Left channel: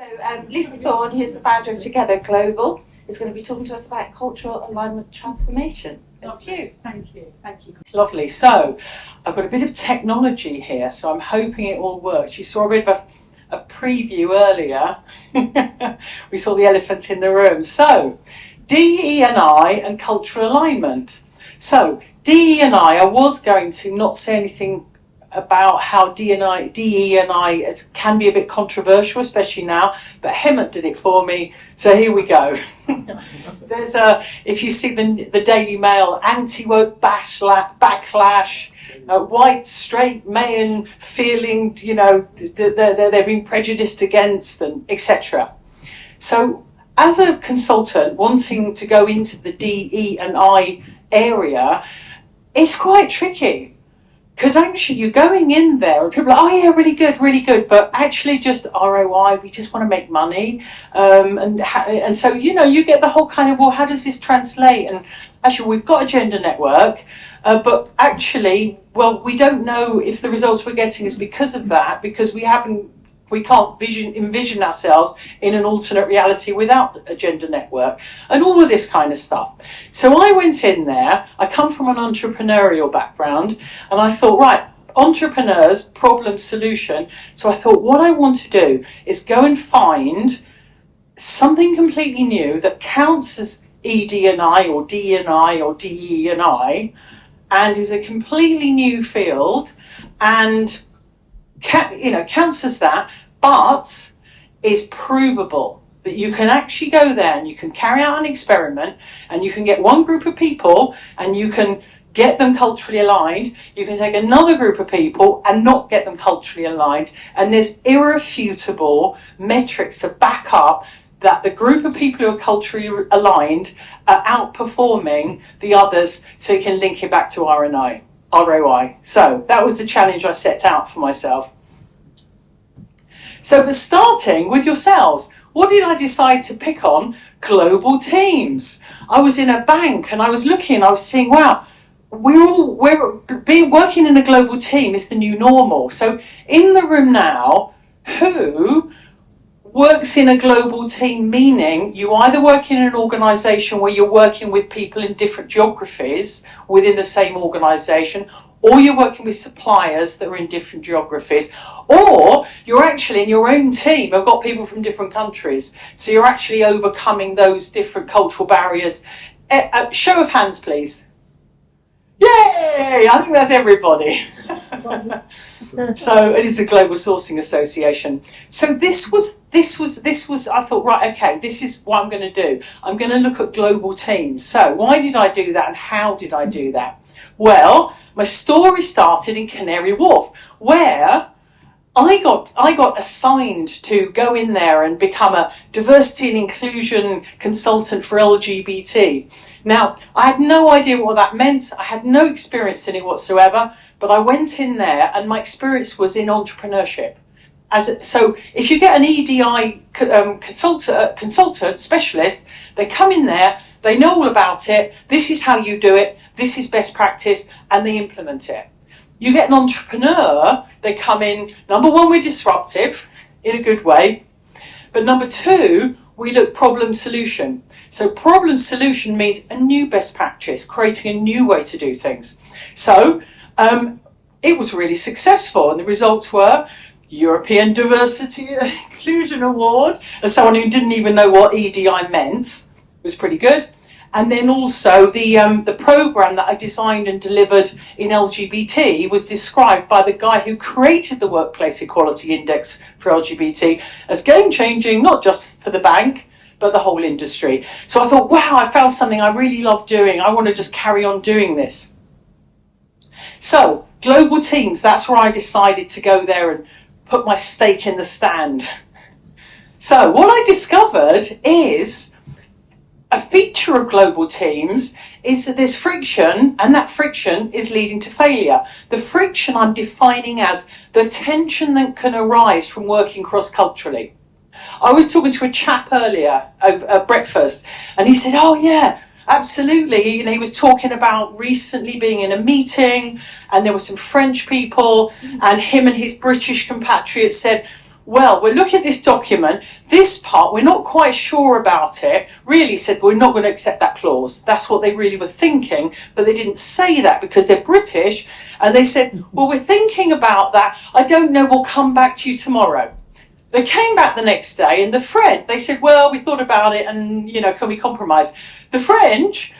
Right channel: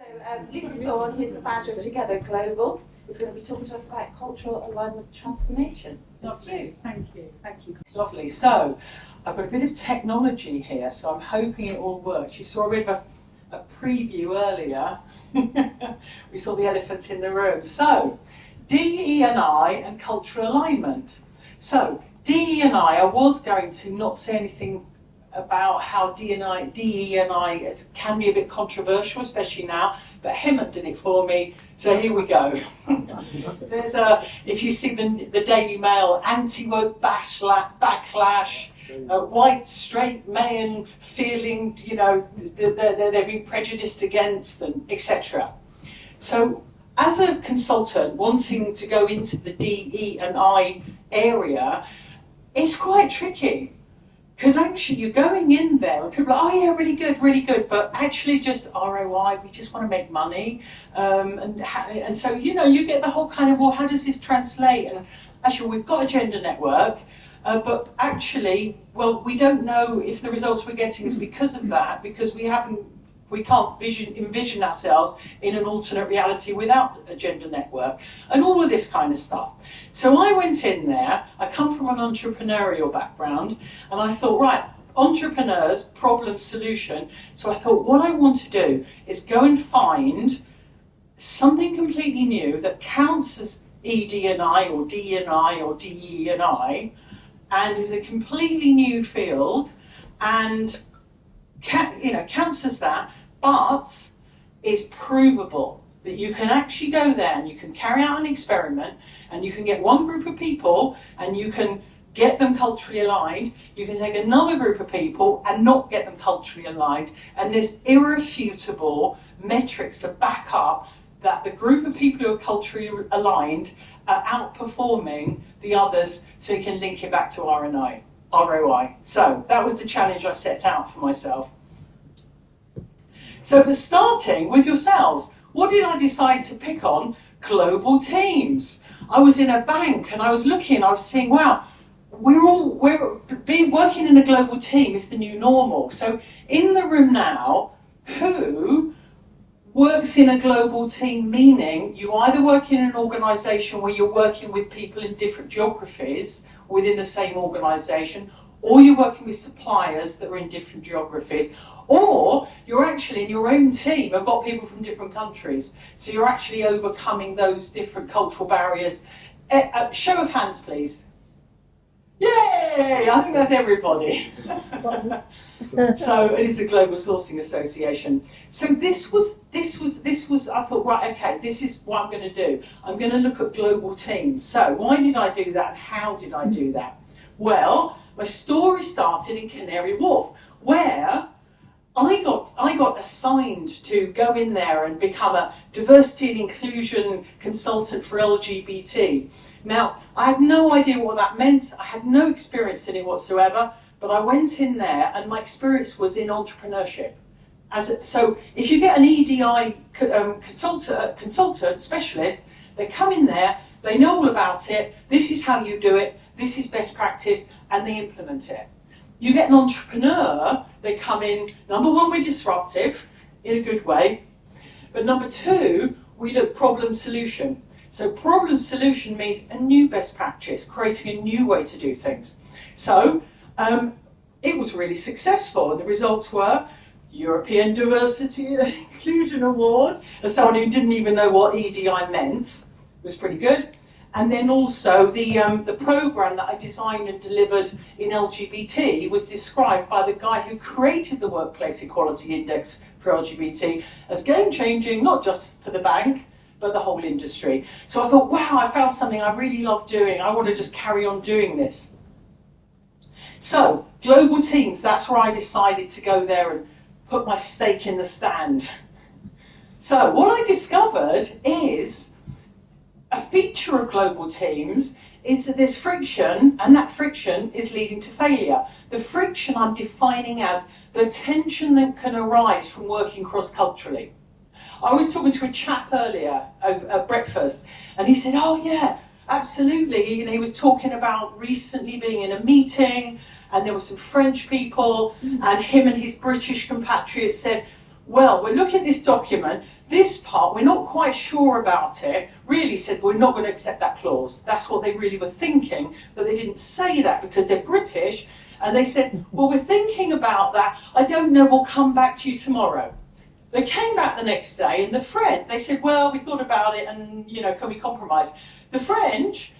So Lucy Thorne, who's the founder of Together Global, is going to be talking to us about cultural alignment transformation. Lovely. Thank you. Lovely. So I've got a bit of technology here, so I'm hoping it all works. You saw a bit of a preview earlier. We saw the elephant in the room. So DE&I and cultural alignment. So DE&I was going to not say anything about how DE&I can be a bit controversial, especially now, but Hemant did it for me, so here we go. There's if you see the Daily Mail, anti-woke backlash, white straight men feeling, they're being prejudiced against, and etc. So as a consultant wanting to go into the DE&I area, it's quite tricky. Because actually you're going in there and people are like, oh yeah, really good, but actually just ROI, we just want to make money. And so, you get the whole kind of, well, how does this translate? And actually we've got a gender network, but actually, well, we don't know if the results we're getting is because of that, because we can't envision ourselves in an alternate reality without a gender network and all of this kind of stuff. So I went in there, I come from an entrepreneurial background, and I thought, right, entrepreneurs, problem, solution. So I thought what I want to do is go and find something completely new that counts as ED&I or D&I or DE&I and is a completely new field and counts as that, but is provable, that you can actually go there and you can carry out an experiment and you can get one group of people and you can get them culturally aligned, you can take another group of people and not get them culturally aligned, and there's irrefutable metrics to back up that the group of people who are culturally aligned are outperforming the others, so you can link it back to ROI. So that was the challenge I set out for myself. So for starting with yourselves, what did I decide to pick on? Global teams. I was in a bank and I was looking, I was seeing, wow, working in a global team is the new normal. So in the room now, who works in a global team, meaning you either work in an organisation where you're working with people in different geographies within the same organisation, or you're working with suppliers that are in different geographies, or you're actually in your own team have got people from different countries, so you're actually overcoming those different cultural barriers. Show of hands, please. Yay! I think that's everybody. So it is a Global Sourcing Association. So this was. I thought, right, okay, this is what I'm going to do. I'm going to look at global teams. So why did I do that, and how did I do that? Well, my story started in Canary Wharf, where I got assigned to go in there and become a diversity and inclusion consultant for LGBT. Now, I had no idea what that meant. I had no experience in it whatsoever, but I went in there and my experience was in entrepreneurship. So if you get an EDI consultant, specialist, they come in there, they know all about it, this is how you do it, this is best practice, and they implement it. You get an entrepreneur, they come in, number one, we're disruptive in a good way, but number two, we look problem solution. So problem solution means a new best practice, creating a new way to do things. So it was really successful, and the results were European Diversity and Inclusion Award, as someone who didn't even know what EDI meant. It was pretty good. And then also the program that I designed and delivered in LGBT was described by the guy who created the Workplace Equality Index for LGBT as game-changing, not just for the bank, but the whole industry. So I thought, wow, I found something I really love doing. I want to just carry on doing this. So global teams, that's where I decided to go there and put my stake in the stand. So what I discovered is a feature of global teams is that there's friction, and that friction is leading to failure. The friction I'm defining as the tension that can arise from working cross-culturally. I was talking to a chap earlier at breakfast, and he said, oh yeah, absolutely. He was talking about recently being in a meeting, and there were some French people, and him and his British compatriots said, well, we're looking at this document, this part, we're not quite sure about it, really said we're not going to accept that clause. That's what they really were thinking, but they didn't say that because they're British, and they said, well, we're thinking about that, I don't know, we'll come back to you tomorrow. They came back the next day, and the French, they said, well, we thought about it, and, you know, can we compromise? The French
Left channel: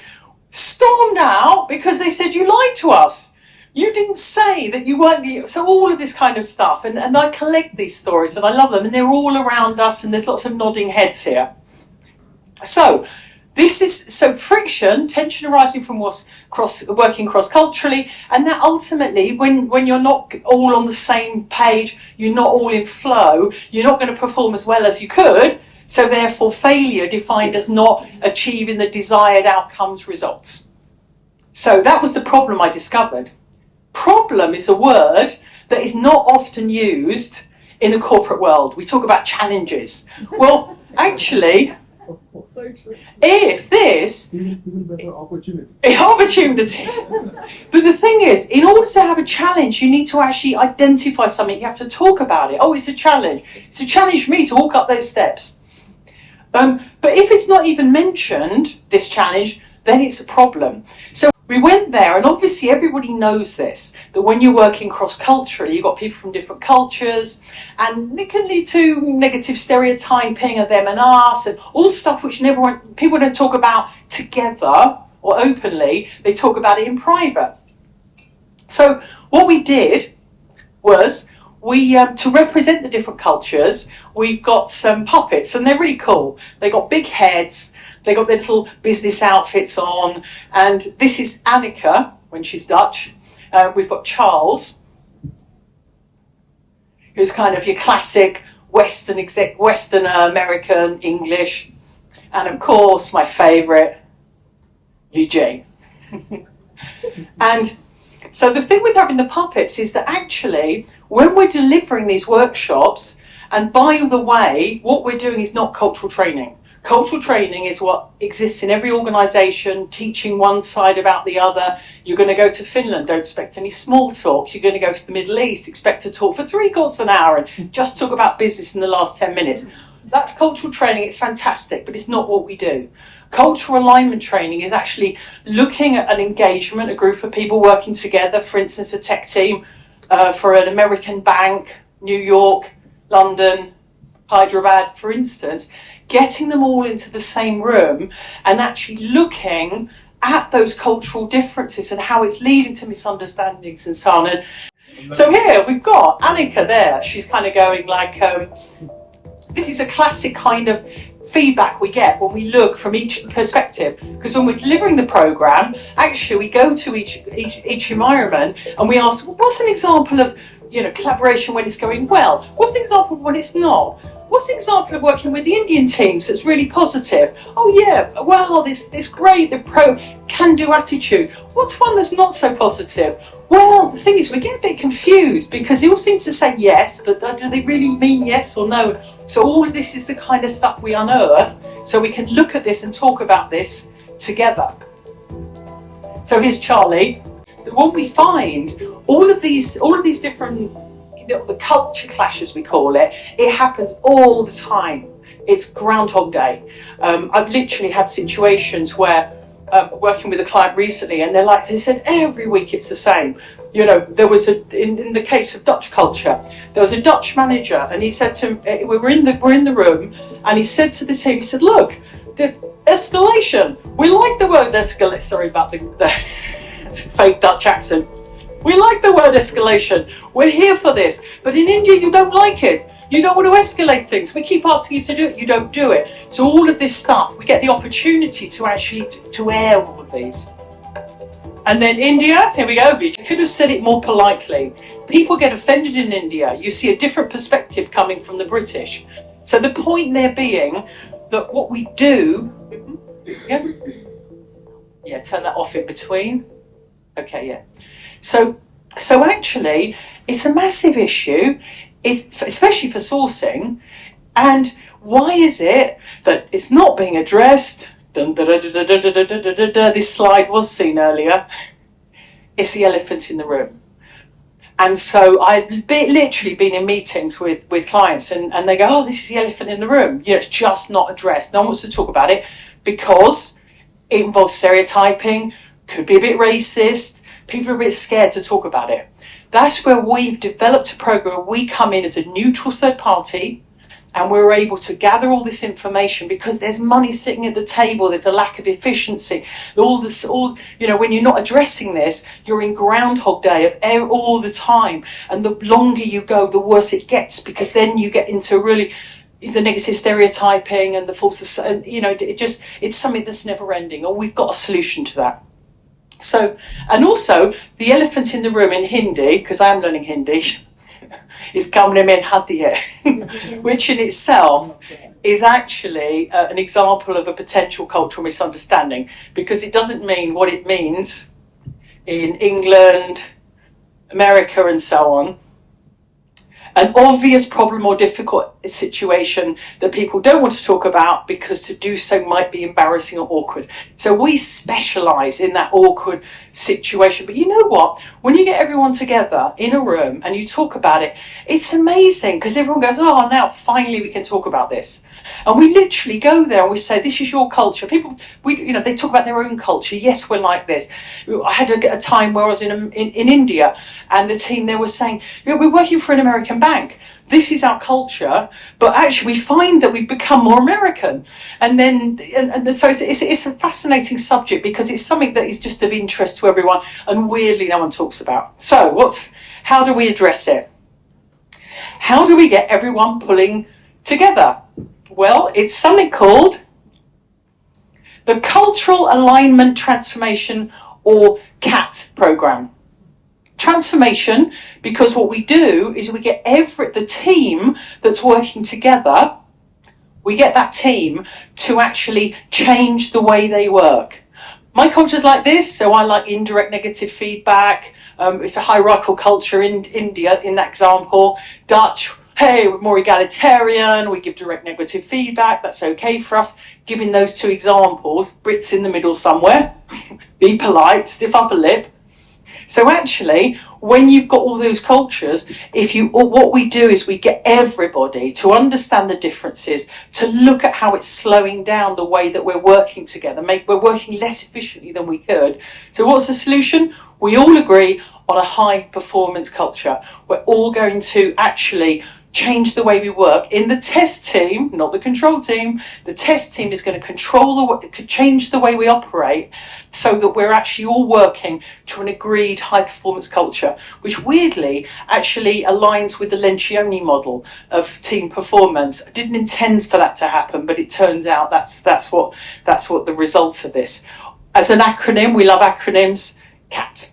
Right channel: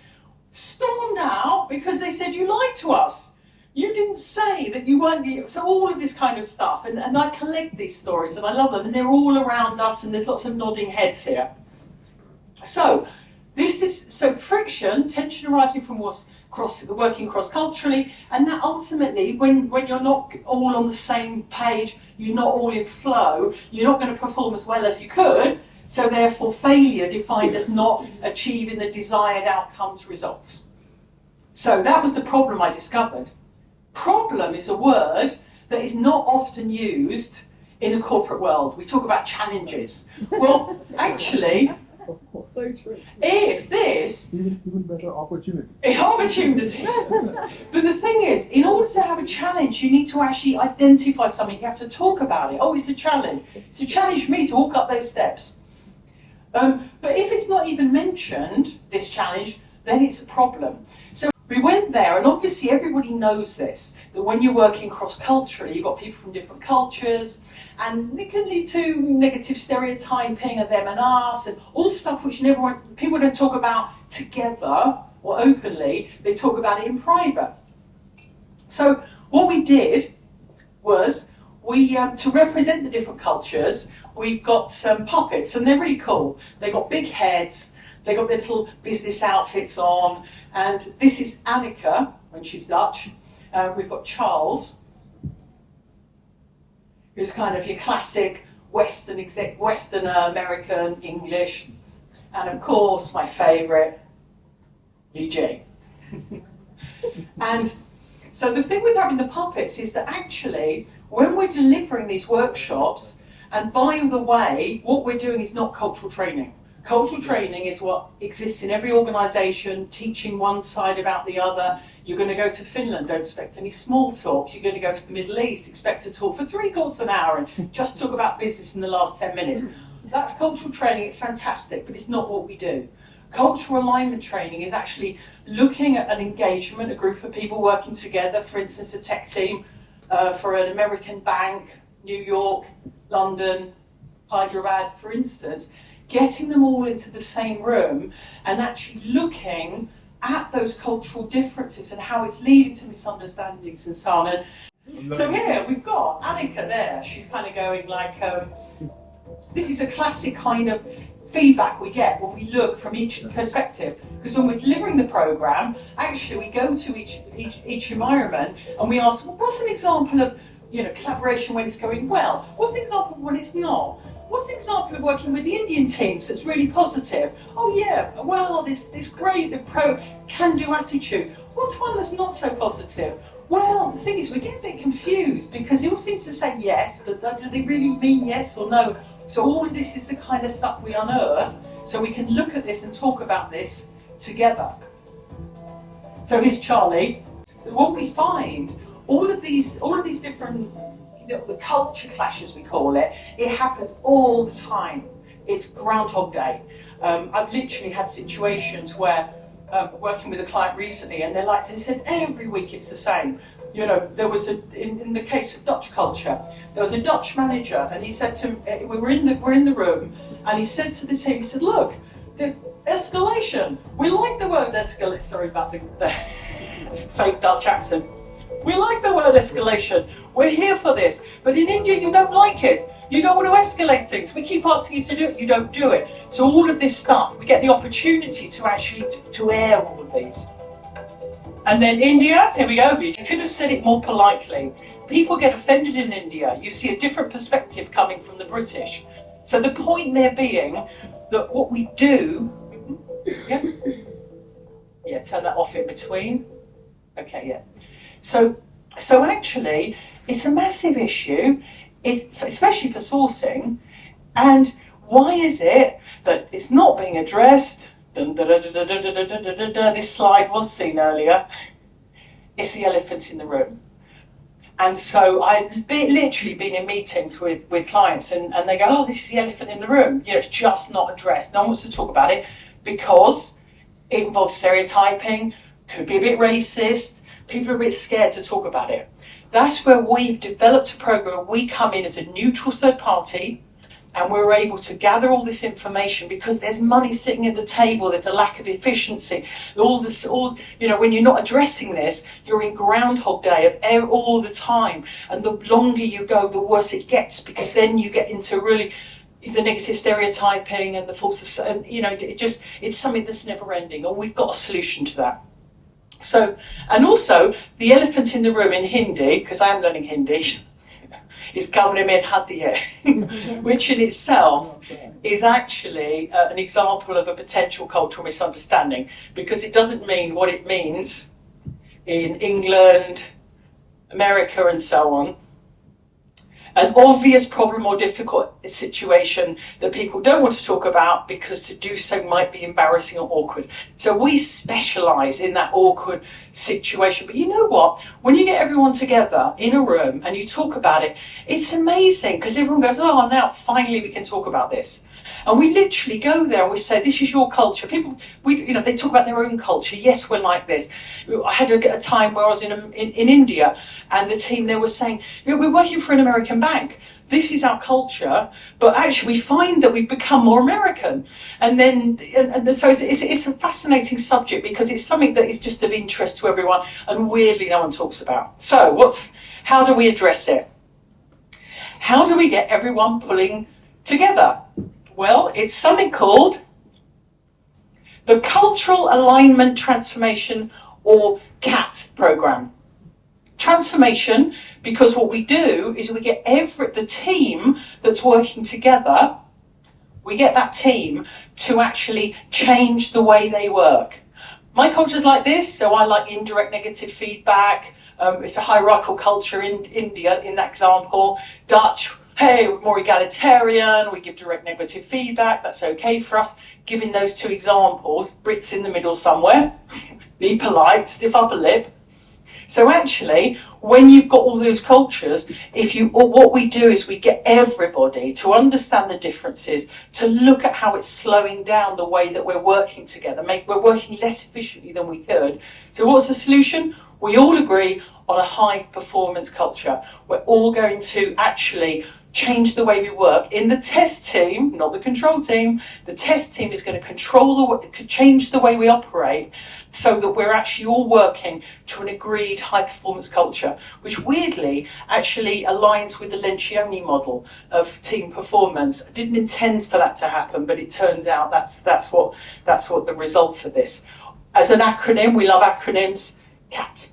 stormed out because they said, you lied to us. You didn't say that you weren't, so all of this kind of stuff, and I collect these stories and I love them, and they're all around us, and there's lots of nodding heads here. So this is, so friction, tension arising from working cross-culturally, and that ultimately, when you're not all on the same page, you're not all in flow, you're not going to perform as well as you could, so therefore failure defined as not achieving the desired outcomes results. So that was the problem I discovered. Problem is a word that is not often used in the corporate world. We talk about challenges. Well, actually, so true. if this... Even better opportunity. Opportunity. But the thing is, in order to have a challenge, you need to actually identify something. You have to talk about it. Oh, it's a challenge. It's a challenge for me to walk up those steps. But if it's not even mentioned, this challenge, then it's a problem. So we went there, and obviously everybody knows this, that when you're working cross-culturally, you've got people from different cultures, and it can lead to negative stereotyping of them and us, and all stuff which people don't talk about together or openly, they talk about it in private. So what we did was, to represent the different cultures, we've got some puppets, and they're really cool. They got big heads, they got their little business outfits on, and this is Annika, when she's Dutch. We've got Charles, who's kind of your classic Western American English, and of course my favourite, Vijay. And so the thing with having the puppets is that actually, when we're delivering these workshops, and by the way, what we're doing is not cultural training. Cultural training is what exists in every organisation, teaching one side about the other. You're going to go to Finland, don't expect any small talk. You're going to go to the Middle East, expect to talk for 3/4 an hour and just talk about business in the last 10 minutes. That's cultural training, it's fantastic, but it's not what we do. Cultural alignment training is actually looking at an engagement, a group of people working together, for instance, a tech team for an American bank, New York, London, Hyderabad, for instance, getting them all into the same room and actually looking at those cultural differences and how it's leading to misunderstandings and so on. And so here we've got Annika there. She's kind of going like, this is a classic kind of feedback we get when we look from each perspective, because when we're delivering the program, actually we go to each environment and we ask, well, what's an example of, you know, collaboration when it's going well? What's an example of when it's not? What's the example of working with the Indian teams that's really positive? Oh yeah, well, this great, the can-do attitude. What's one that's not so positive? Well, the thing is, we get a bit confused because they all seem to say yes, but do they really mean yes or no? So all of this is the kind of stuff we unearth, so we can look at this and talk about this together. So here's Charlie. What we find, all of these different, the culture clash, as we call it, it happens all the time. It's Groundhog Day. I've literally had situations where working with a client recently, and they said every week it's the same. You know, there was in the case of Dutch culture, there was a Dutch manager, and he said to we're in the room, and he said to the team, he said, look, the escalation. We like the word escalate. Sorry about the fake Dutch accent. We like the word escalation. We're here for this. But in India, you don't like it. You don't want to escalate things. We keep asking you to do it. You don't do it. So all of this stuff, we get the opportunity to actually to air all of these. And then India, here we go. I could have said it more politely. People get offended in India. You see a different perspective coming from the British. So the point there being that what we do, yeah, turn that off in between. Okay, yeah. So actually, it's a massive issue, especially for sourcing. And why is it that it's not being addressed? This slide was seen earlier. It's the elephant in the room. And so I've literally been in meetings with clients and they go, oh, this is the elephant in the room. You know, it's just not addressed. No one wants to talk about it because it involves stereotyping, could be a bit racist. People are a bit scared to talk about it. That's where we've developed a program where we come in as a neutral third party and we're able to gather all this information because there's money sitting at the table, there's a lack of efficiency, all, you know, when you're not addressing this, you're in Groundhog Day of all the time, and the longer you go, the worse it gets, because then you get into really the negative stereotyping and the false, and you know, it's something that's never ending, and we've got a solution to that. So, and also the elephant in the room in Hindi, because I am learning Hindi, is kamre mein hati hai, which in itself is actually an example of a potential cultural misunderstanding, because it doesn't mean what it means in England, America and so on. An obvious problem or difficult situation that people don't want to talk about because to do so might be embarrassing or awkward. So we specialise in that awkward situation. But you know what? When you get everyone together in a room and you talk about it, it's amazing because everyone goes, oh, now finally we can talk about this. And we literally go there and we say, this is your culture. People, they talk about their own culture. Yes, we're like this. I had a time where I was in India and the team there was saying, we're working for an American bank. This is our culture, but actually we find that we've become more American. And then, so it's a fascinating subject because it's something that is just of interest to everyone and weirdly no one talks about. So how do we address it? How do we get everyone pulling together? Well, it's something called the Cultural Alignment Transformation, or CAT program. Transformation, because what we do is we get the team that's working together, we get that team to actually change the way they work. My culture's like this, so I like indirect negative feedback. It's a hierarchical culture in India, in that example. Dutch, hey, we're more egalitarian, we give direct negative feedback, that's okay for us. Giving those two examples, Brits in the middle somewhere, be polite, stiff upper lip. So actually, when you've got all those cultures, what we do is we get everybody to understand the differences, to look at how it's slowing down the way that we're working together. We're working less efficiently than we could. So what's the solution? We all agree on a high performance culture. We're all going to actually change the way we work. In the test team, not the control team, the test team is going to change the way we operate so that we're actually all working to an agreed high performance culture, which weirdly actually aligns with the Lencioni model of team performance. I didn't intend for that to happen, but it turns out that's what the result of this. As an acronym, we love acronyms, CAT.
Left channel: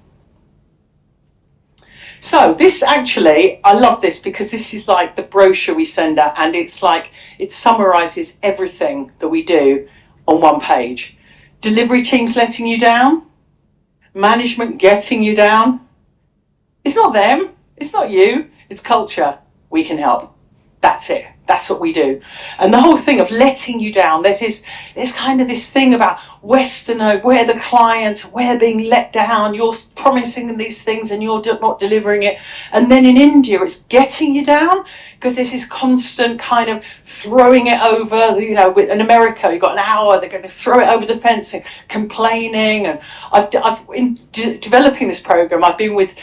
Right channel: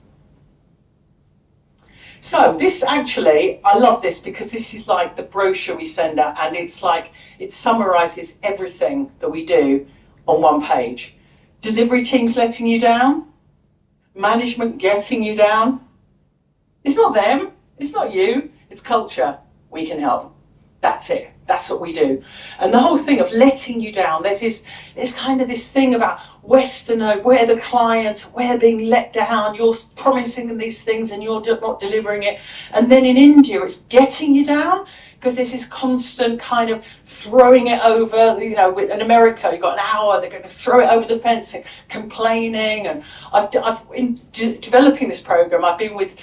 So this actually, I love this because this is like the brochure we send out, and it's like, it summarises everything that we do on one page. Delivery teams letting you down, management getting you down. It's not them, it's not you, it's culture. We can help. That's it. That's what we do. And the whole thing of letting you down, there's kind of this thing about Westerner, we're the client, we're being let down, you're promising them these things and you're not delivering it. And then in India, it's getting you down, because there's this constant kind of throwing it over, in America, you've got an hour, they're going to throw it over the fence and complaining. And in developing this program, I've been with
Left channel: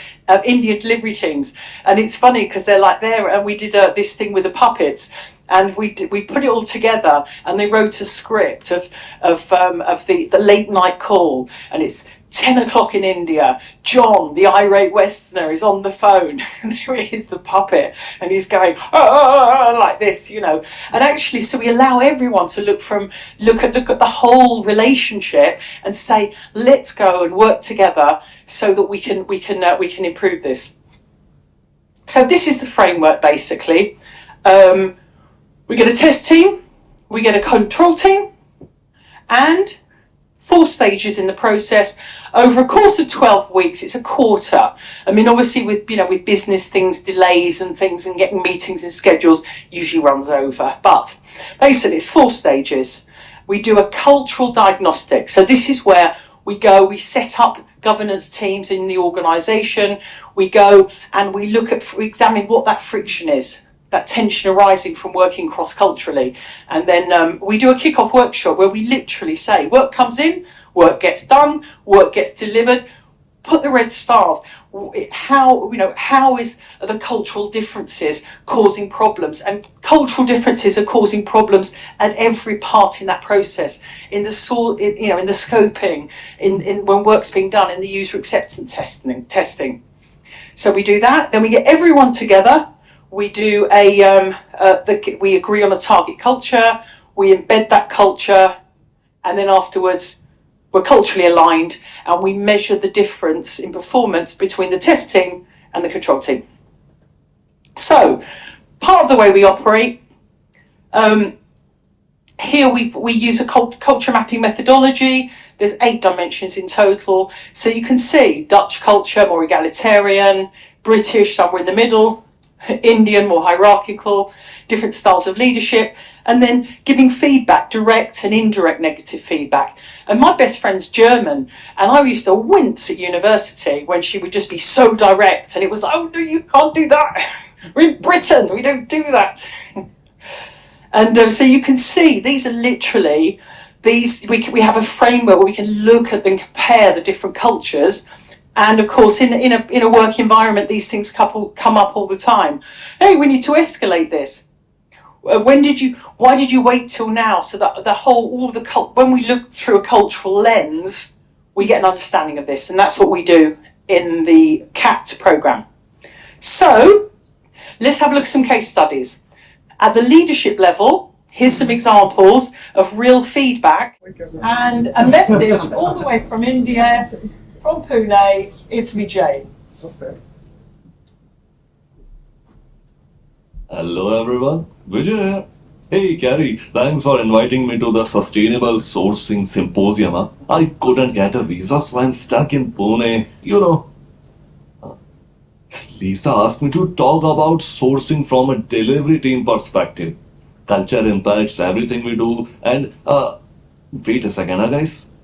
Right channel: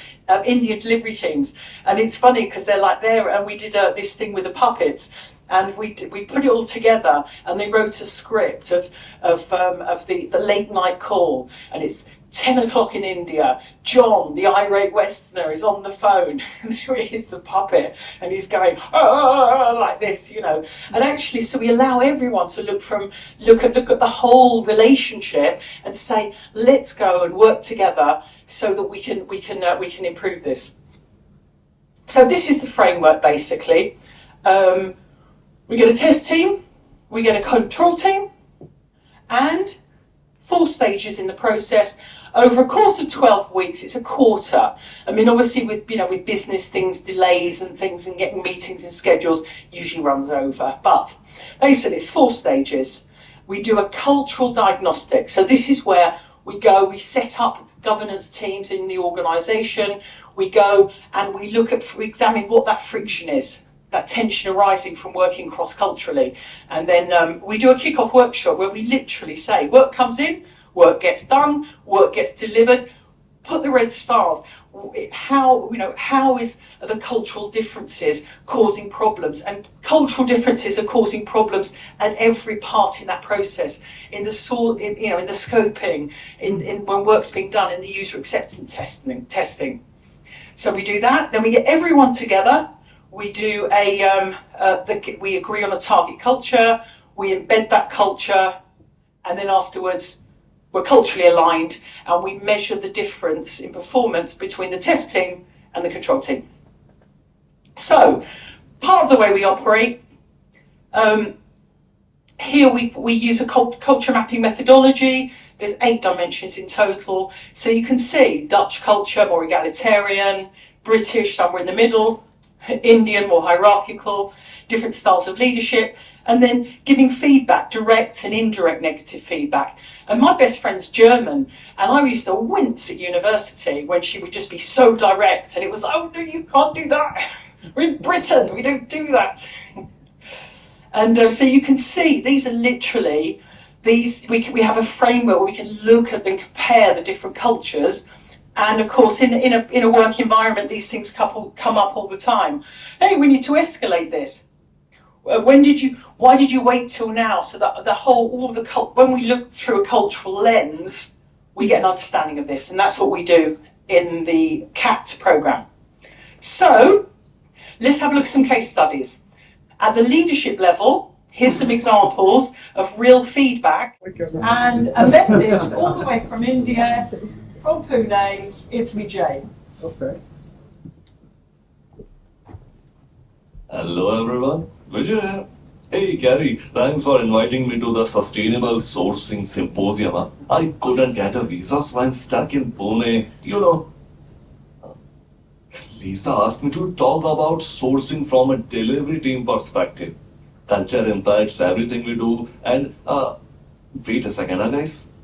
Indian delivery teams, and it's funny because they're like there, and we did this thing with the puppets. And we put it all together, and they wrote a script of the late night call, and it's 10 o'clock in India. John, the irate Westerner, is on the phone, and there it is, the puppet, and he's going like this, And actually, so we allow everyone to look at the whole relationship and say, let's go and work together so that we can improve this. So this is the framework basically. We get a test team, we get a control team, and 4 stages in the process. Over a course of 12 weeks, it's a quarter. I mean, obviously with business things, delays and things, and getting meetings and schedules usually runs over. But basically it's 4 stages. We do a cultural diagnostic. So this is where we go, we set up governance teams in the organisation. We go and we examine what that friction is, that tension arising from working cross-culturally. And then we do a kick-off workshop where we literally say, work comes in, work gets done, work gets delivered, put the red stars. How is the cultural differences causing problems? And cultural differences are causing problems at every part in that process, in the scoping, in when work's being done, in the user acceptance testing. So we do that. Then we get everyone together. We do we agree on a target culture. We embed that culture, and then afterwards, we're culturally aligned, and we measure the difference in performance between the test team and the control team. So, part of the way we operate, here we use a culture mapping methodology. There's 8 dimensions in total. So you can see Dutch culture, more egalitarian, British, somewhere in the middle, Indian, more hierarchical, different styles of leadership, and then giving feedback, direct and indirect negative feedback. And my best friend's German, and I used to wince at university when she would just be so direct, and it was like, oh no, you can't do that. We're in Britain, we don't do that. And so you can see, these are literally, we have a framework where we can look at and compare the different cultures. And of course, in a work environment, these things come up all the time. Hey, we need to escalate this. Why did you wait till now? So that when we look through a cultural lens, we get an understanding of this, and that's what we do in the CAT program. So let's have a look at some case studies. At the leadership level, here's some examples of real feedback and a message all the way from India, from Pune. It's Vijay. Okay. Hello everyone, Vijay here. Hey Gary, thanks for inviting me to the Sustainable Sourcing Symposium. I couldn't get a visa, so I'm stuck in Pune, Lisa asked me to talk about sourcing from a delivery team perspective. Culture impacts everything we do, and wait a second, guys.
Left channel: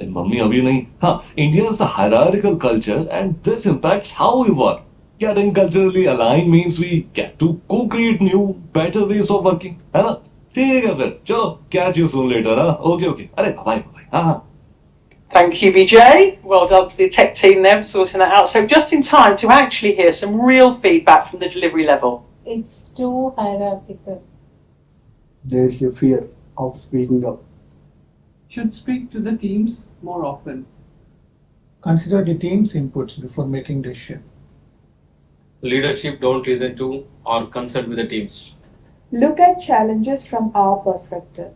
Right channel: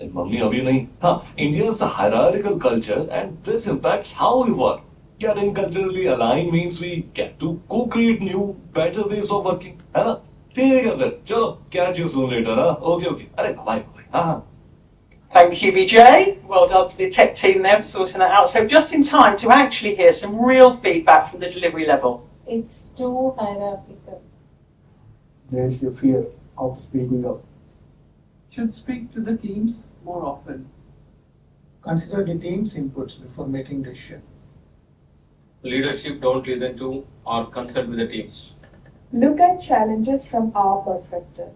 Mummy, abhi nahi. India is a hierarchical culture, and this impacts how we work. Getting culturally aligned means we get to co-create new, better ways of working. है ना? ठीक है फिर, चलो catch you soon later. Okay. अरे bye. Thank you, Vijay. Well done for the tech team there for sorting that out. So just in time to actually hear some real feedback from the delivery level. It's too hierarchical. There's a fear of speaking up. Should speak to the teams more often. Consider the team's inputs before making decision. Leadership don't listen to or consult with the teams. Look at challenges from our perspective.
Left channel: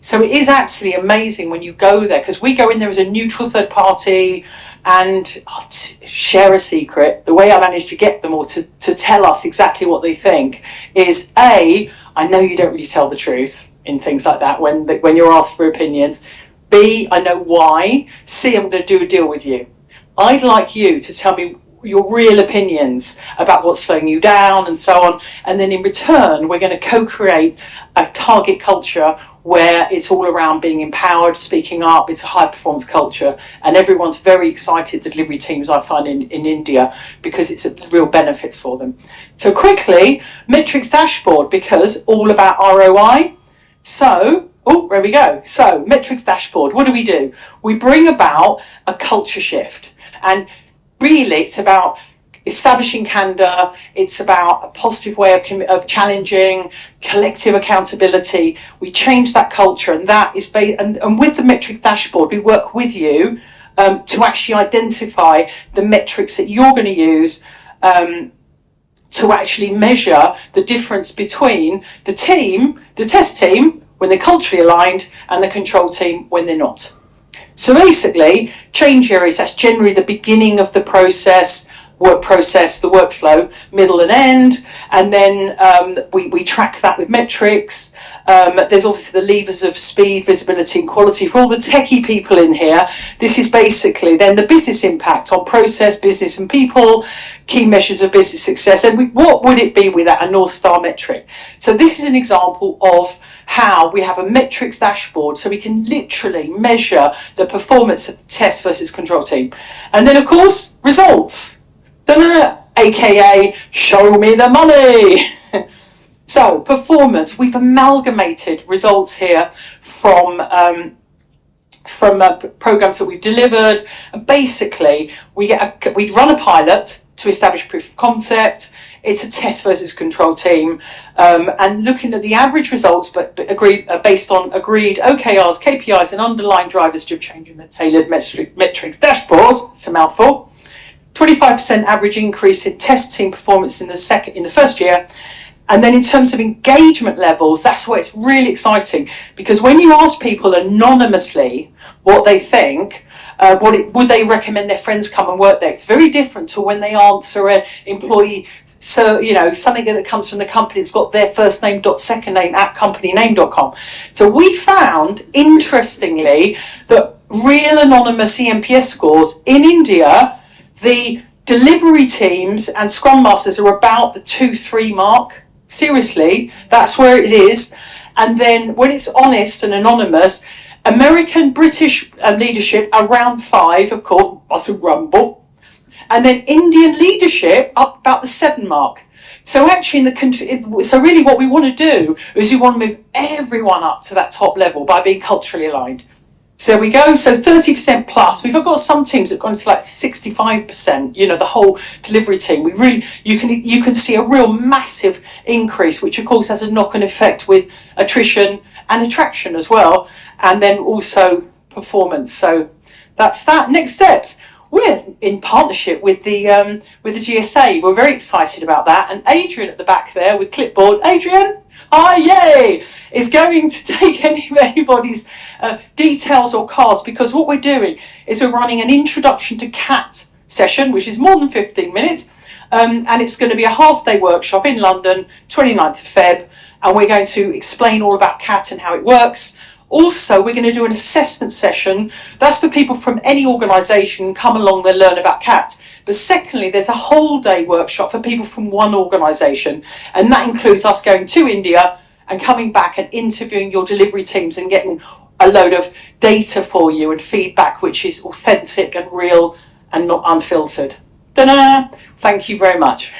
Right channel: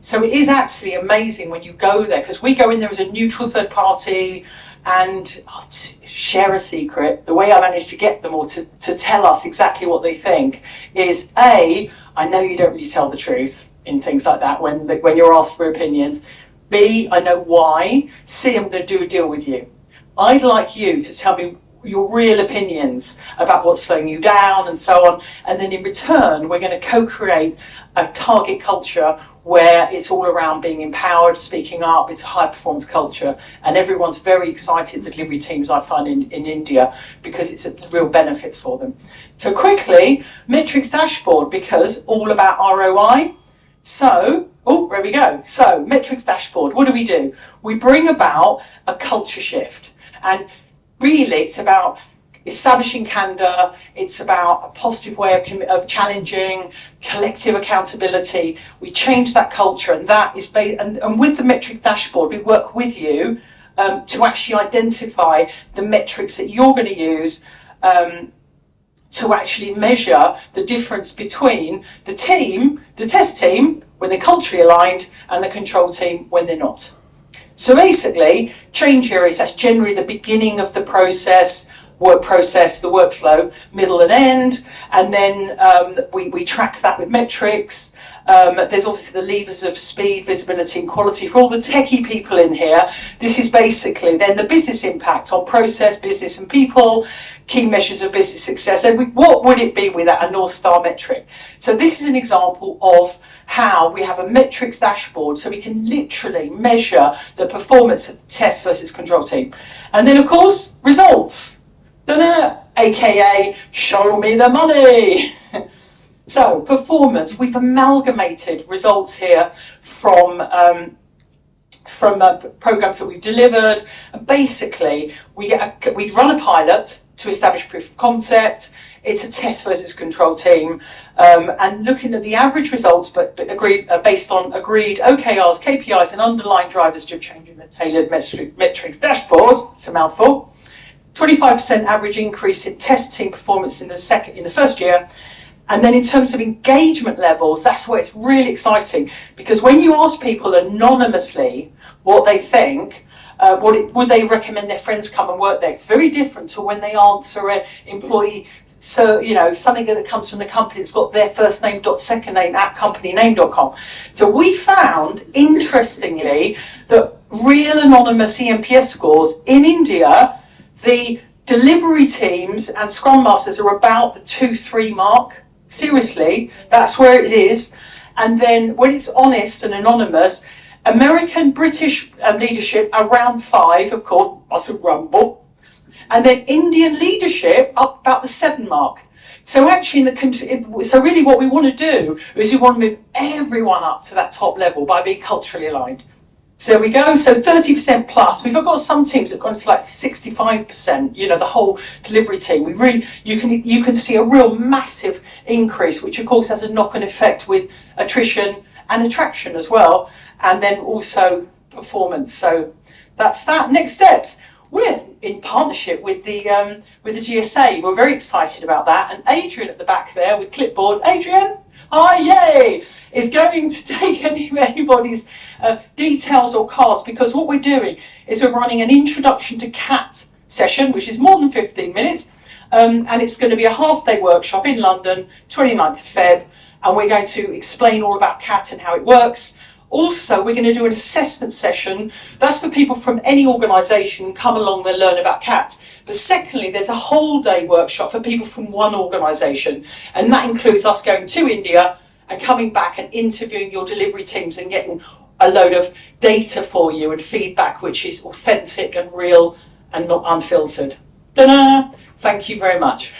So it is absolutely amazing when you go there, because we go in there as a neutral third party, and I'll share a secret. The way I managed to get them all to tell us exactly what they think is A, I know you don't really tell the truth in things like that when you're asked for opinions. B, I know why. C, I'm going to do a deal with you. I'd like you to tell me your real opinions about what's slowing you down and so on. And then in return, we're going to co-create a target culture where it's all around being empowered, speaking up. It's a high performance culture. And everyone's very excited, the delivery teams I find in India, because it's a real benefit for them. So quickly, metrics dashboard, because all about ROI. So, there we go. So metrics dashboard, what do? We bring about a culture shift. And really, it's about establishing candor. It's about a positive way of challenging, collective accountability. We change that culture, and that is based. And with the metrics dashboard, we work with you to actually identify the metrics that you're going to use to actually measure the difference between the team, the test team, when they're culturally aligned, and the control team when they're not. So basically, change areas, that's generally the beginning of the work process, the workflow, middle and end, and then we track that with metrics. There's obviously the levers of speed, visibility and quality. For all the techie people in here, this is basically then the business impact on process, business and people, key measures of business success. And what would it be without a North Star metric? So this is an example of how we have a metrics dashboard, so we can literally measure the performance of the test versus control team. And then, of course, results. AKA, show me the money. So, performance. We've amalgamated results here from programs that we've delivered. And basically, we run a pilot to establish proof of concept. It's a test versus control team, and looking at the average results, but based on agreed OKRs, KPIs, and underlying drivers to change in the tailored metrics dashboard. It's a mouthful. 25% average increase in test team performance in the first year. And then in terms of engagement levels, that's where it's really exciting, because when you ask people anonymously what they think, would they recommend their friends come and work there? It's very different to when they answer an employee, so something that comes from the company that's got their first name dot second name at companyname.com. So we found, interestingly, that real anonymous eNPS scores in India, the delivery teams and Scrum Masters are about the 2-3 mark. Seriously, that's where it is. And then when it's honest and anonymous, American, British leadership around 5, of course, muscle grumble. And then Indian leadership up about the 7 mark. So actually, so really what we want to do is we want to move everyone up to that top level by being culturally aligned. So there we go. So 30% plus. We've got some teams that have gone to like 65%. The whole delivery team. You can see a real massive increase, which of course has a knock-on effect with attrition and attraction as well, and then also performance. So that's that. Next steps. We're in partnership with the GSA. We're very excited about that. And Adrian at the back there with clipboard. Adrian. Hi, yay! Is going to take anybody's details or cards, because what we're doing is we're running an introduction to CAT session, which is more than 15 minutes, and it's going to be a half-day workshop in London, 29th of Feb, and we're going to explain all about CAT and how it works. Also, we're going to do an assessment session. That's for people from any organisation. Come along and learn about CAT. But secondly, there's a whole day workshop for people from one organisation. And that includes us going to India and coming back and interviewing your delivery teams and getting a load of data for you and feedback, which is authentic and real and not unfiltered. Ta-da! Thank you very much.